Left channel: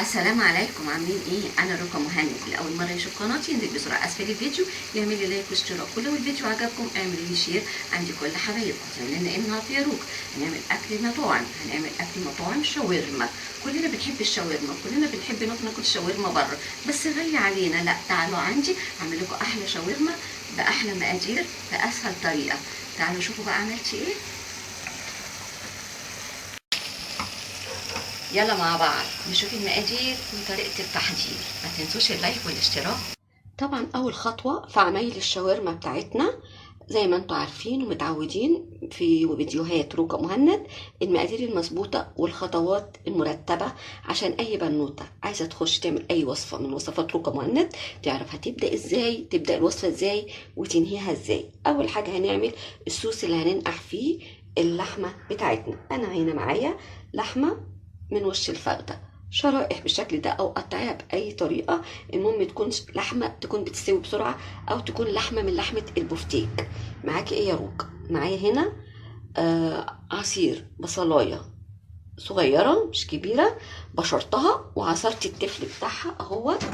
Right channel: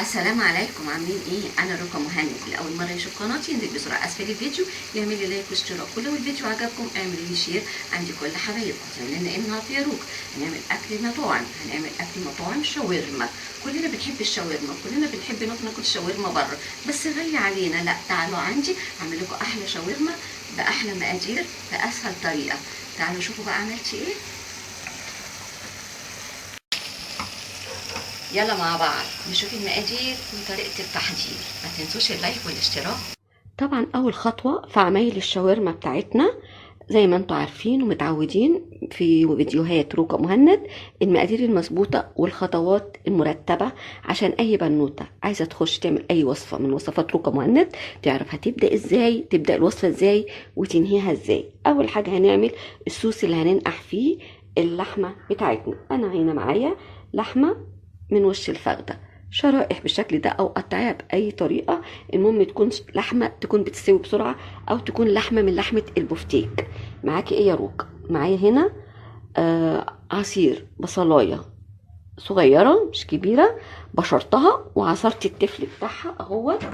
السلام عليكم، عاملين ايه؟ انا رقم مهند. لاول مره يشوف قناتي ينزل بسرعه اسفل الفيديو يعمل لي لايك واشتراك، ولو الفيديو عجبكم اعملوا لي شير عندي كل حبايبكم. زماننا ايه النهارده يا روك؟ هنعمل اكل مطاعم، هنعمل اكل مطاعم شاورما. كلنا بنحب الشاورما، كلنا بنحب ناكل شاورما بره، بس غالي علينا. لا، تعالوا عندي اعمل لكم احلى شاورما باحلى مقادير باسهل طريقه. تعالوا شوفوا بقى عملت ايه. يلا مع بعض نشوف المقادير وطريقة التحضير. ما تنسوش اللايك والاشتراك. طبعا اول خطوة في عمايل الشاورما بتاعتنا زي ما انتوا عارفين ومتعودين في فيديوهات روكا مهند، المقادير المظبوطة والخطوات المرتبة عشان اي بنوتة عايزة تخش تعمل اي وصفة من وصفات روكا مهند تعرف هتبدأ ازاي، تبدأ الوصفة ازاي وتنهيها ازاي. اول حاجة هنعمل الصوص اللي هننقع فيه اللحمة بتاعتنا. انا هنا معايا لحمة من وش الفخدة شرائح بالشكل ده او قطعيها باي طريقه، المهم تكون لحمه تكون بتستوي بسرعه او تكون لحمه من لحمه البفتيك. معاكي ايه يا روك؟ معايا هنا عصير بصلايه صغيره مش كبيره، بشرتها وعصرت التفل بتاعها اهوت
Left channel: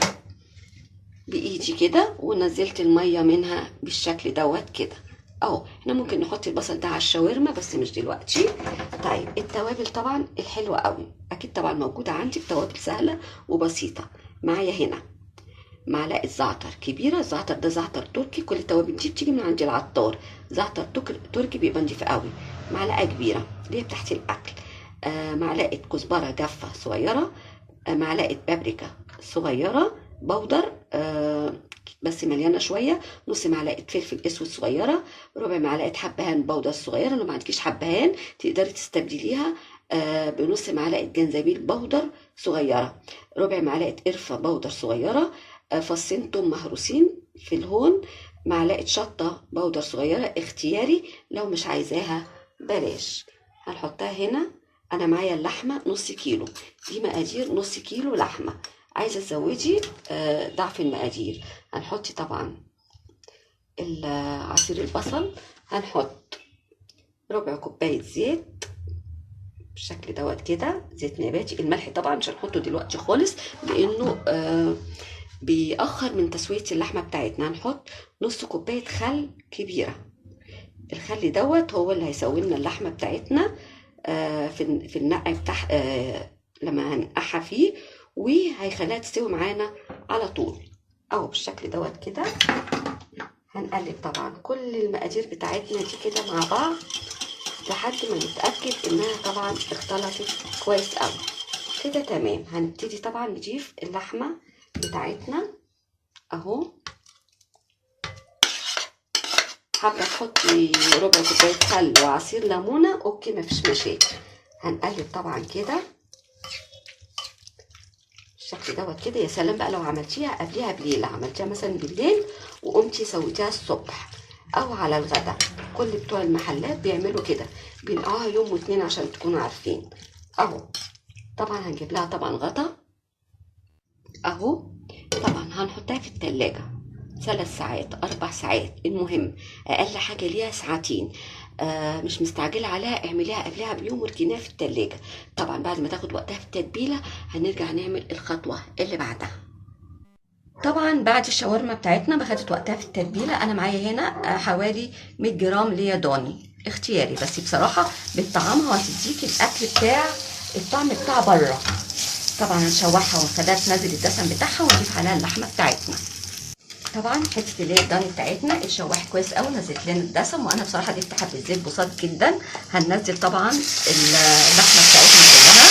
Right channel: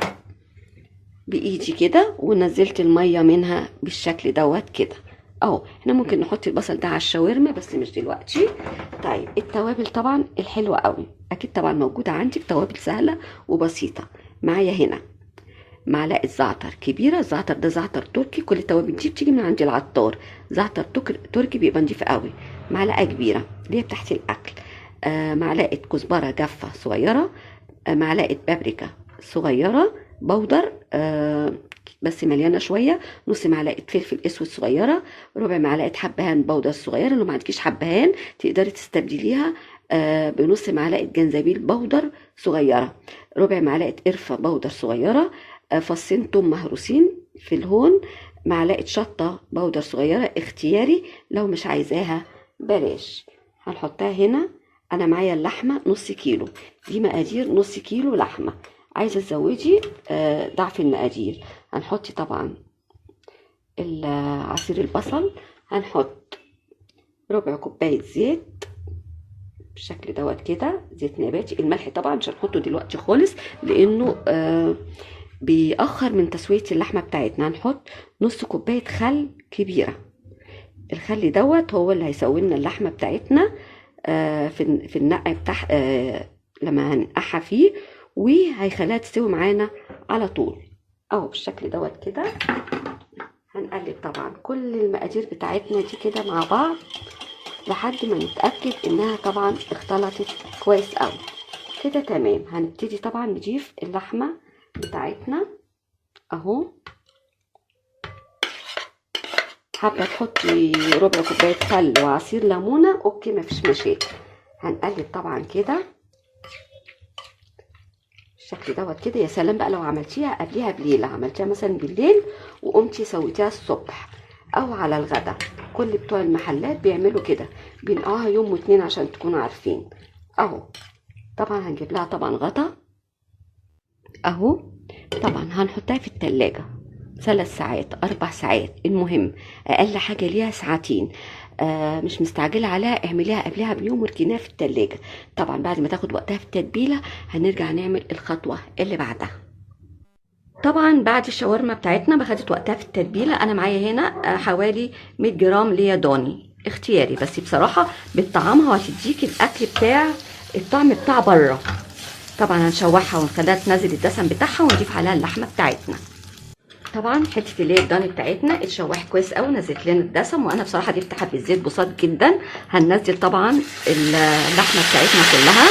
بايدي كده ونزلت الميه منها بالشكل دوت كده اهو. احنا ممكن نحط البصل ده على الشاورما بس مش دلوقتي. طيب التوابل طبعا الحلوه قوي اكيد طبعا موجوده عندي بتوابل سهله وبسيطه. معايا هنا معلقه زعتر كبيره، الزعتر ده زعتر تركي، كل التوابل دي بتيجي من عند العطار، زعتر تركي بيبقى نضيف قوي. معلقه كبيره اللي هي بتاعت الاكل. معلقه كزبره جافه صغيره، معلقه بابريكا صغيره بودر بس مليانه شويه، نص معلقه فلفل اسود صغيره، ربع معلقه حبهان بودر صغيره. لو ما عندكيش حبهان تقدري تستبدليها بنص معلقه جنزبيل بودر صغيره، ربع معلقه قرفه بودر صغيره، فصين توم مهروسين في الهون، معلقه شطه بودر صغيره اختياري، لو مش عايزاها بلاش. هنحطها هنا. انا معايا اللحمه نص كيلو، دي مقادير نص كيلو لحمه. عايزه تزودي ضعف المقادير. هنحط طبعا عصير البصل، هنحط ربع كوبايه زيت بالشكل دوت كده، زيت نباتي. الملح طبعا مش هنحطه دلوقتي خالص لانه بيأخر من تسويه اللحمه بتاعتنا. هنحط نص كوبايه خل كبيره، الخل دوت هو اللي هيسوي لنا اللحمه بتاعتنا في النقع بتاع لما هنقعها فيه، وهيخليها تستوي معانا على طول اهو بالشكل دوت كده. هنقلب طبعا كل المقادير بتاعتنا دي كده مع بعض لحد ما نتاكد انها طبعا اختلطت كويس قوي كده تمام. هنبتدي طبعا نضيف اللحمه بتاعتنا اهو. حابه تحطي ربع كوبايه خل وعصير ليمونه اوكي مفيش مشاكل. هنقلب طبعا كده بالشكل دوت كده. يا سلام بقى لو عملتيها قبليها بليله، عملتيها مثلا بالليل وقمتي سويتيها الصبح او على الغدا، كل بتوع المحلات بيعملوا كده، بينقعوها يوم واتنين عشان تكونوا عارفين اهو. طبعا هنجيب لها طبعا غطا اهو. طبعا هنحطها في التلاجة 3 ساعات 4 ساعات، المهم اقل حاجه ليها ساعتين. مش مستعجله عليها، اعمليها قبلها بيوم واركنيها في التلاجة. طبعا بعد ما تاخد وقتها في التتبيله هنرجع نعمل الخطوه اللي بعدها. طبعا بعد الشاورما بتاعتنا ما خدت وقتها في التتبيله، انا معايا هنا حوالي 100 جرام ليا ضاني اختياري، بس بصراحه بتطعمها وهتديكي الاكل بتاع الطعم بتاع بره. طبعا هنشوحها ونخليها تنزل الدسم بتاعها ونضيف عليها اللحمه بتاعتنا. طبعا حته اللي هي الضاني بتاعتنا اتشوحت كويس قوي، نزلت لنا الدسم، وانا بصراحه ضفت حبه زيت بسيط جدا. هننزل طبعا اللحمه بتاعتنا كلها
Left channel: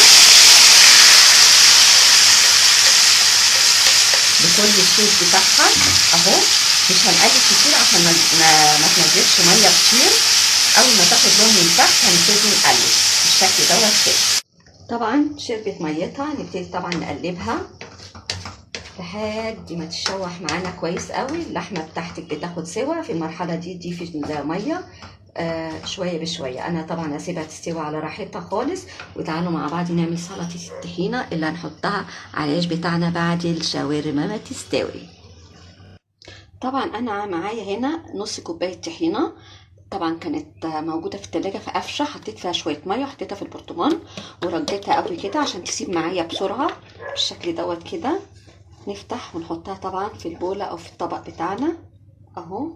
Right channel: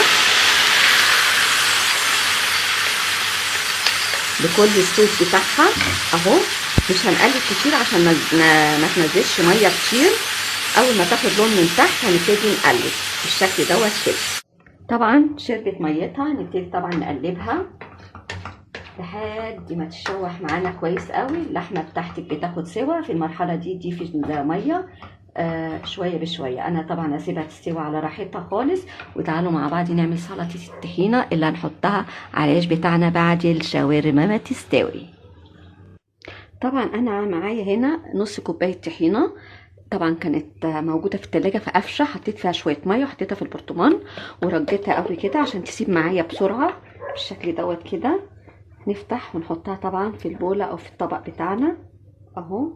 بكل الصوص بتاعها اهو. مش هنقلب كتير عشان ما تنزلش ميه كتير. اول ما تاخد لون من تحت هنبتدي نقلب بالشكل دوت كده. طبعا شربت ميتها نبتدي طبعا نقلبها لحد ما تشوح معانا كويس قوي. اللحمه بتاعتك بتاخد سوا، في المرحله دي ضيفي الميه شويه بشويه. انا طبعا هسيبها تستوي على راحتها خالص. وتعالوا مع بعض نعمل سلطه الطحينه اللي هنحطها على العيش بتاعنا بعد الشاورما ما تستوي. طبعا انا معايا هنا نص كوبايه طحينه، طبعا كانت موجوده في التلاجة فقفشه، حطيت فيها شويه ميه وحطيتها في البرطمان ورجيتها قوي كده عشان تسيب معايا بسرعه بالشكل دوت كده. نفتح ونحطها طبعا في البولة او في الطبق بتاعنا اهو،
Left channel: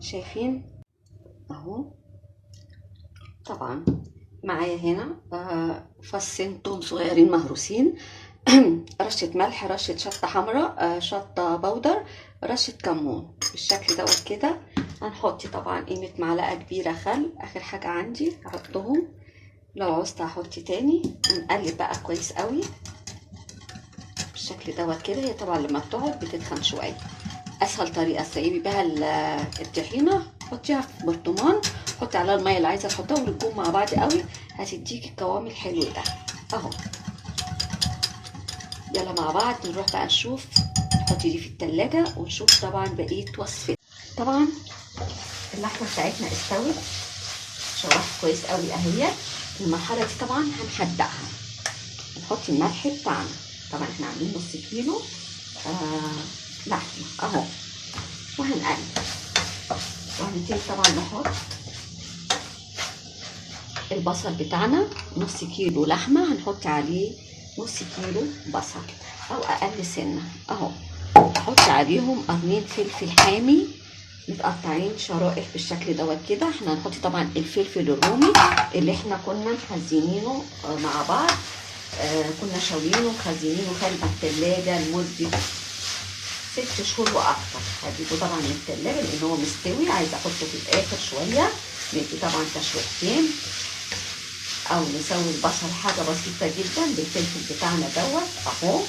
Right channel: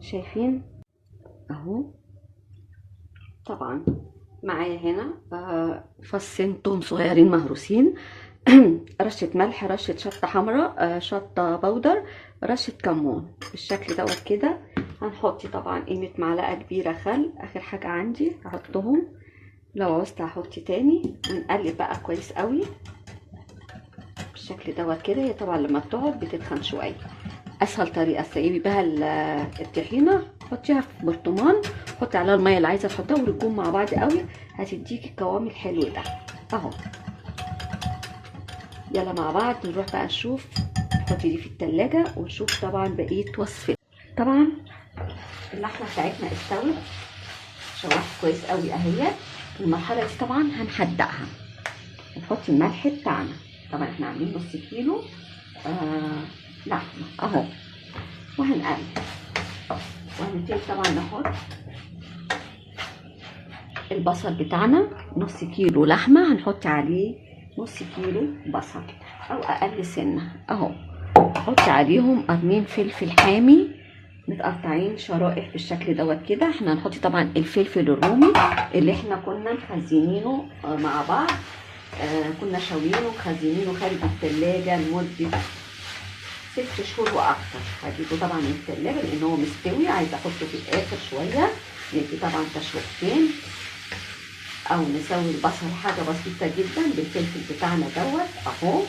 شايفين اهو. طبعا معايا هنا فصين توم صغيرين مهروسين، رشة ملح، رشة شطة حمراء، شطة بودر، رشة كمون بالشكل دوت كده. هنحط طبعا قيمة معلقة كبيرة خل، اخر حاجة عندي احطهم، لو عوزت هحط تاني. ونقلب بقى كويس قوي بالشكل دوت كده. هي طبعا لما بتقعد بتتخن شوية. اسهل طريقة تسيبي بها الطحينة، حطيها في برطمان، حطي عليها المية اللي عايزة تحطها ورجوهم مع بعض قوي، هتديكي القوام الحلو ده اهو. يلا مع بعض نروح بقى نشوف، نحطي دي في التلاجة ونشوف طبعا بقية وصفتنا. طبعا اللحمة بتاعتنا استوت، شوحت كويس قوي اهي. المرحلة دي طبعا هنحدقها، نحط الملح بتاعنا. طبعا احنا عاملين نص كيلو لحمة اهو، وهنقلب. وهنبتدي طبعا نحط البصل بتاعنا، نص كيلو لحمة هنحط عليه نص كيلو بصل او اقل سنة اهو. نحط عليهم قرنين فلفل حامي متقطعين شرائح بالشكل دوت كده. احنا هنحط طبعا الفلفل الرومي اللي احنا كنا مخزنينه مع بعض، كنا شاويينه ومخزنينه خارج التلاجة لمدة 6 شهور واكتر. هجيبه طبعا من التلاجة لان هو مستوي، عايزه احطه في الاخر شويه، ندي طبعا تشويحتين او نسوي البصل حاجه بسيطه جدا بالفلفل بتاعنا دوت اهو.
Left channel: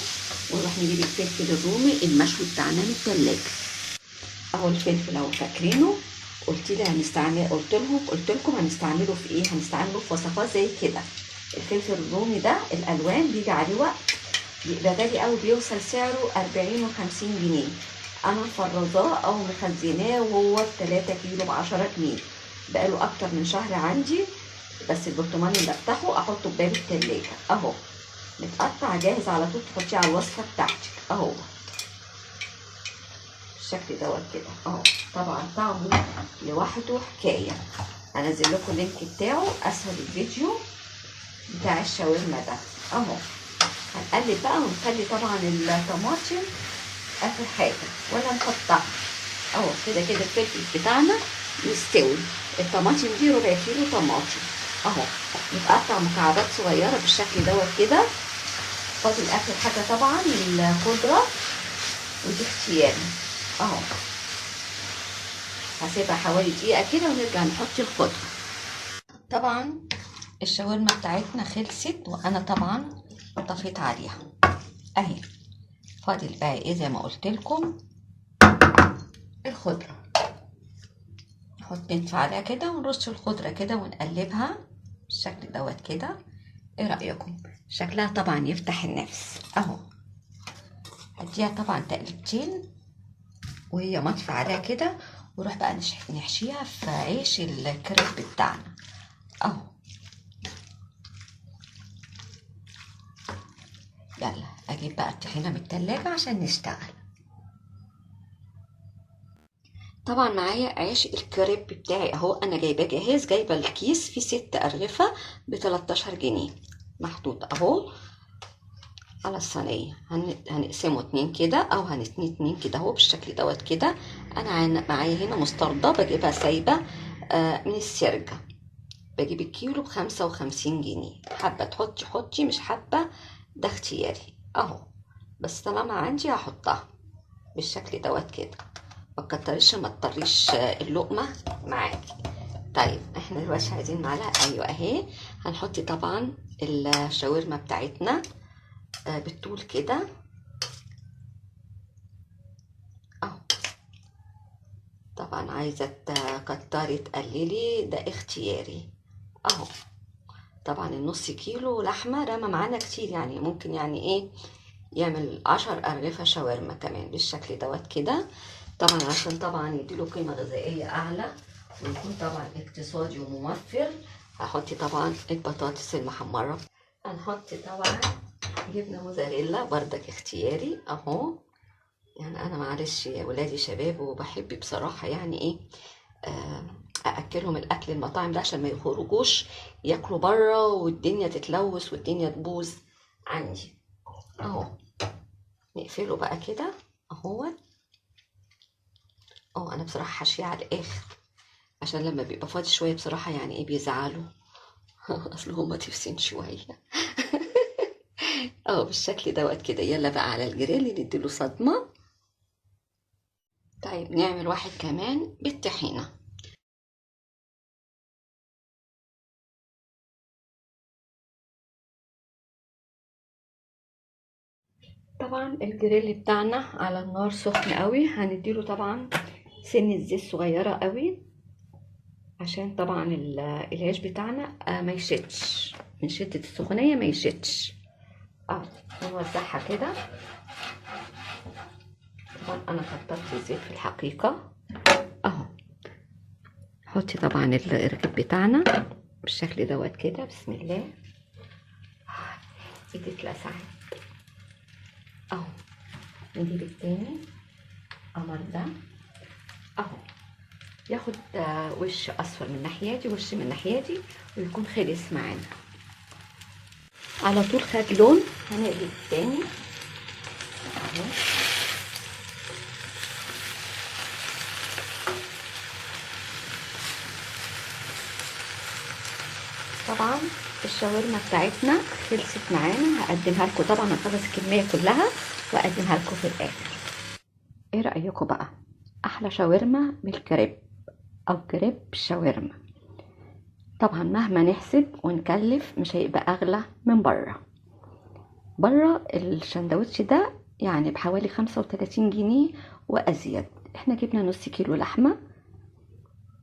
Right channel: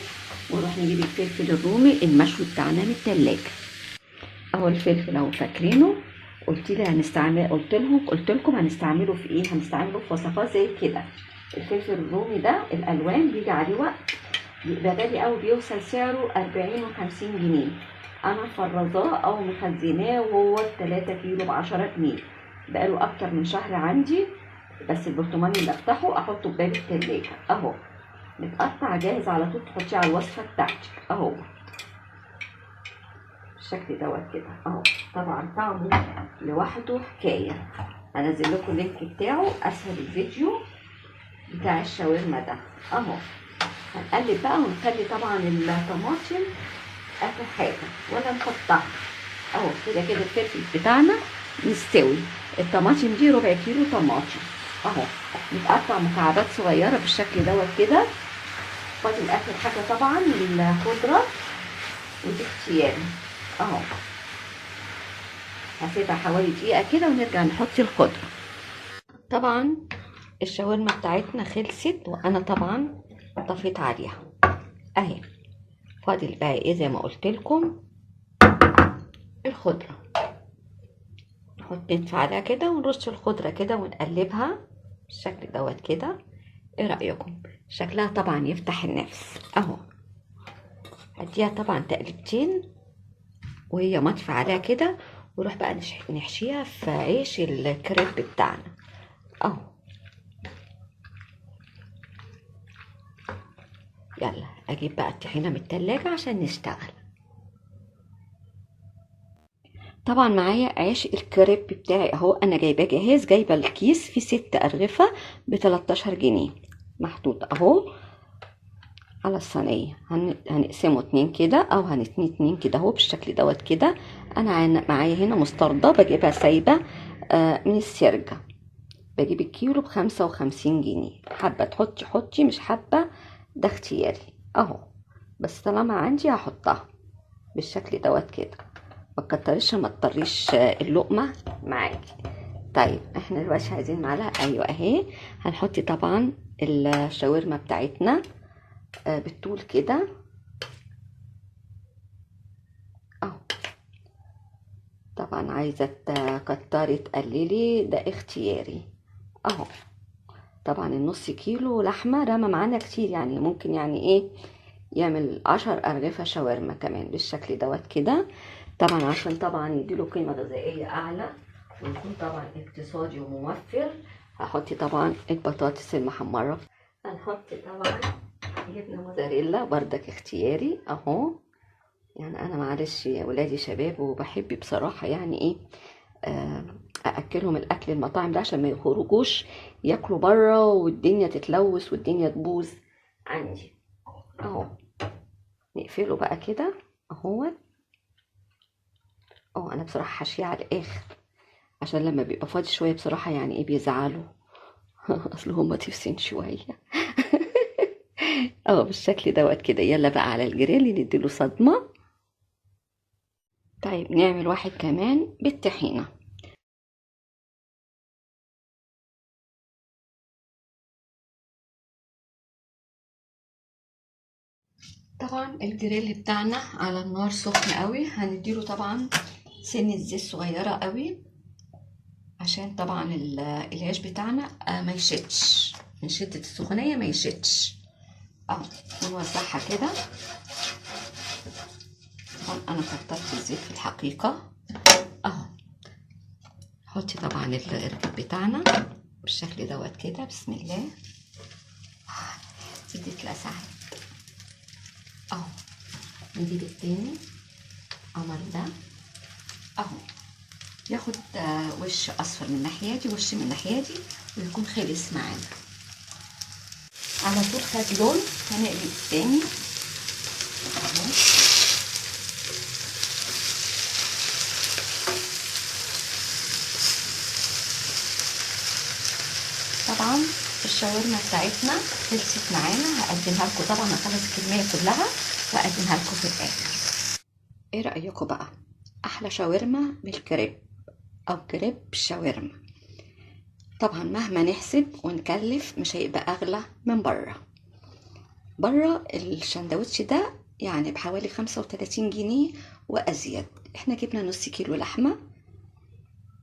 ونروح نجيب الفلفل الرومي المشوي بتاعنا من التلاجة اهو. الفلفل اهو فاكرينه، قلت لكم هنستعمله في ايه؟ هنستعمله في وصفات زي كده. الفلفل الرومي ده الالوان بيجي عليه وقت بيبقى غالي قوي، بيوصل سعره 40 و50 جنيه. انا مفرزاه او مخزناه وهو 3 كيلو ب10 جنيه، بقاله اكتر من شهر عندي. بس البرطمان اللي افتحه احطه بباب التلاجة اهو، متقطع جاهز على طول، تحطيه على الوصفه بتاعتك اهو بالشكل دوت كده اهو. طبعا طعمه لوحده حكايه. هنزل لكم اللينك بتاعه اسفل الفيديو بتاع الشاورما ده اهو. هنقلب بقى ونخلي طبعا الطماطم اخر حاجه ولا نحطها اهو. كده كده الفلفل بتاعنا مستوي. الطماطم دي ربع كيلو طماطم اهو، متقطع مكعبات صغيره بالشكل دوت كده. فاضل اخر حاجه طبعا الخضره، ودي اختياري اهو. هسيبها حوالي دقيقه كده ونرجع نحط الخضره. طبعا الشاورما بتاعتنا خلصت، وانا طبعا طفيت عليها اهي. فاضل بقى ايه زي ما قلت لكم الخضره. نحط ندفع عليها كده ونرش الخضره كده ونقلبها بالشكل دوت كده. ايه رايكم؟ شكلها طبعا يفتح النفس اهو. هديها طبعا تقلبتين وهي مطفى عليها كده، ونروح بقى نحشيها في عيش الكريب بتاعنا اهو. يلا اجيب بقى الطحينه من التلاجة عشان نشتغل. طبعا معايا عيش الكريب بتاعي اهو، انا جايباه جاهز، جايبه الكيس فيه 6 ارغفه ب13 جنيه محطوط اهو على الصينيه. هنقسمه 2 كده او هنتني 2 كده اهو بالشكل دوت كده. انا معايا هنا مستردة بجيبها سايبه من السرجه، بجيب الكيلو ب55 جنيه. حابه تحطي حطي، مش حابه ده اختياري اهو. بس طالما عندي هحطها بالشكل دوت كده، ما تكتريش ما تطريش اللقمه معاكي. طيب احنا دلوقتي عايزين معلقه، ايوه اهي. هنحط طبعا الشاورما بتاعتنا بالطول كده اهو. طبعا عايزه تكتري تقللي ده اختياري اهو. طبعا النص كيلو لحمه رمى معانا كتير، يعني ممكن يعني ايه يعمل 10 ارغفه شاورما كمان بالشكل دوت كده. طبعا عشان طبعا يديله قيمه غذائيه اعلى ويكون طبعا اقتصادي وموفر، هحط طبعا البطاطس المحمره. هنحط طبعا جبنه موزاريلا بردك اختياري اهو. يعني انا معلش يا ولادي شباب وبحب بصراحه يعني ايه ااكلهم الاكل المطاعم ده عشان ما يخرجوش ياكلوا بره والدنيا تتلوث والدنيا تبوظ عندي اهو. نقفله بقى كده اهو. انا بصراحه حاشيه على الاخر عشان لما بيبقى فاضي شويه بصراحه يعني ايه بيزعلوا. اصل هما تفسين شويه. بالشكل دوت كده. يلا بقى على الجريل نديله صدمه. طيب نعمل واحد كمان بالطحينه. طبعا الجريل بتاعنا على النار سخن قوي. هنديله طبعا سنة زيت صغيرة قوي عشان طبعا العيش بتاعنا ما يشتش من شدة السخونية، ما يشتش. نوزعها كده. طبعا انا كترت الزيت في الحقيقة. حطي طبعا الرغيف بتاعنا بالشكل دوت كده. بسم الله. ايدي اتلسعت. نجيب التاني قمر ده ياخد وش اصفر من ناحيتي وش من ناحيتي ويكون خلص معانا على طول. خد لون. هنقلب التاني طبعا الشاورما بتاعتنا خلصت معانا. هقدمها لكم طبعا. هخلص الكميه كلها واقدمها لكم في الاخر. ايه رايكم بقى؟ احلى شاورما بالكريب او كريب بالشاورما. طبعا مهما نحسب ونكلف مش هيبقى اغلى من بره الشندوتش ده يعني بحوالي 35 جنيه وازيد. احنا جبنا نص كيلو لحمه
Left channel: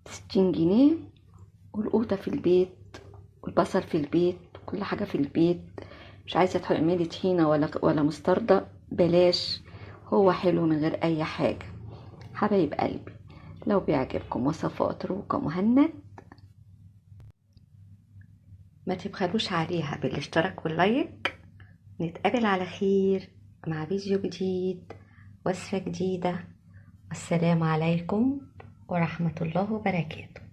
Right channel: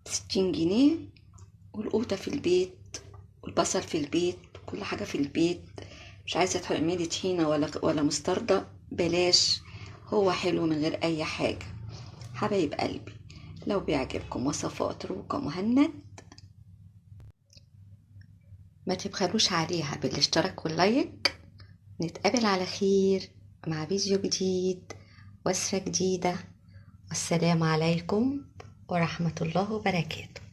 60 جنيه، والقوطه في البيت والبصل في البيت، كل حاجه في البيت. مش عايزه تعملي طحينه ولا مستردة، بلاش. هو حلو من غير اي حاجه. حبايب قلبي، لو بيعجبكم وصفات روكا مهند ما تبخلوش عليها بالاشتراك واللايك. نتقابل على خير مع فيديو جديد، وصفة جديدة. والسلام عليكم ورحمة الله وبركاته.